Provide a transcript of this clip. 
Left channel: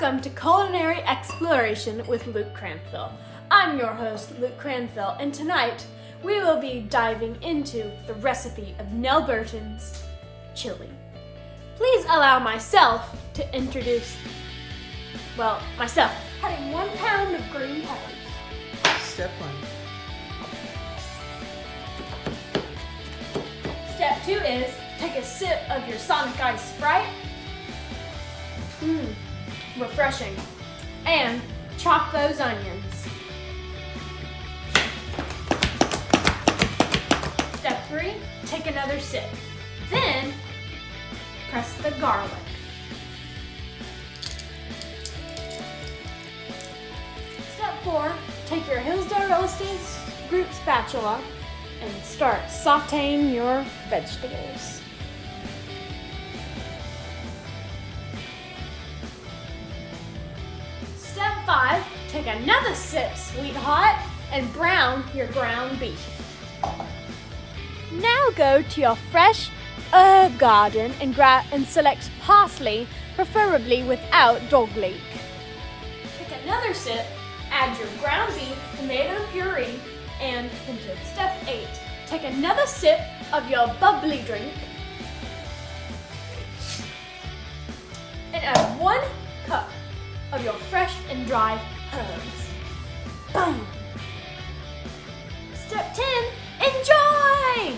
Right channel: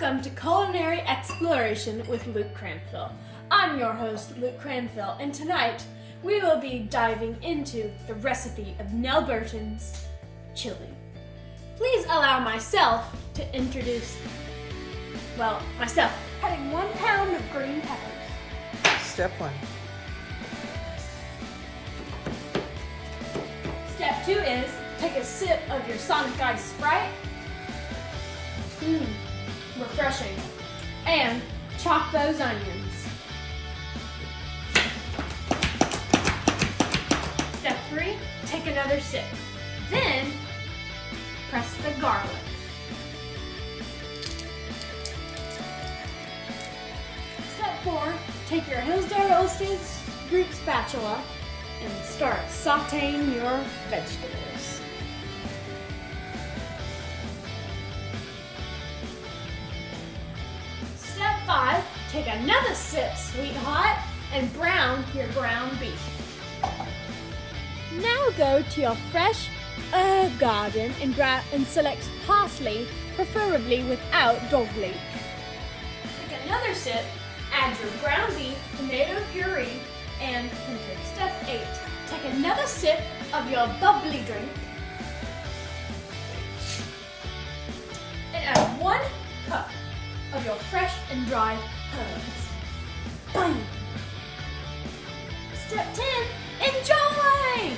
Welcome to Culinary Exploration with Luke Cranfill. I'm your host, Luke Cranfill, and tonight we will be diving into the recipe of Nell Burton's chili. Please allow myself to introduce, myself. Cutting 1 pound of green peppers. Step 1. Step 2 is take a sip of your Sonic Ice Sprite. Refreshing. And chop those onions. Step 3, take another sip. Then, press the garlic. Step 4, take your Hillsdale root spatula and start sauteing your vegetables. Step 5, take another sip, sweetheart, and brown your ground beef. Now go to your fresh herb garden and select parsley, preferably without dog leek. Take another sip, add your ground beef, tomato puree, and pinto. Step 8, take another sip of your bubbly drink and add 1 cup of your fresh and dry herbs. Bam! Step 10, enjoy!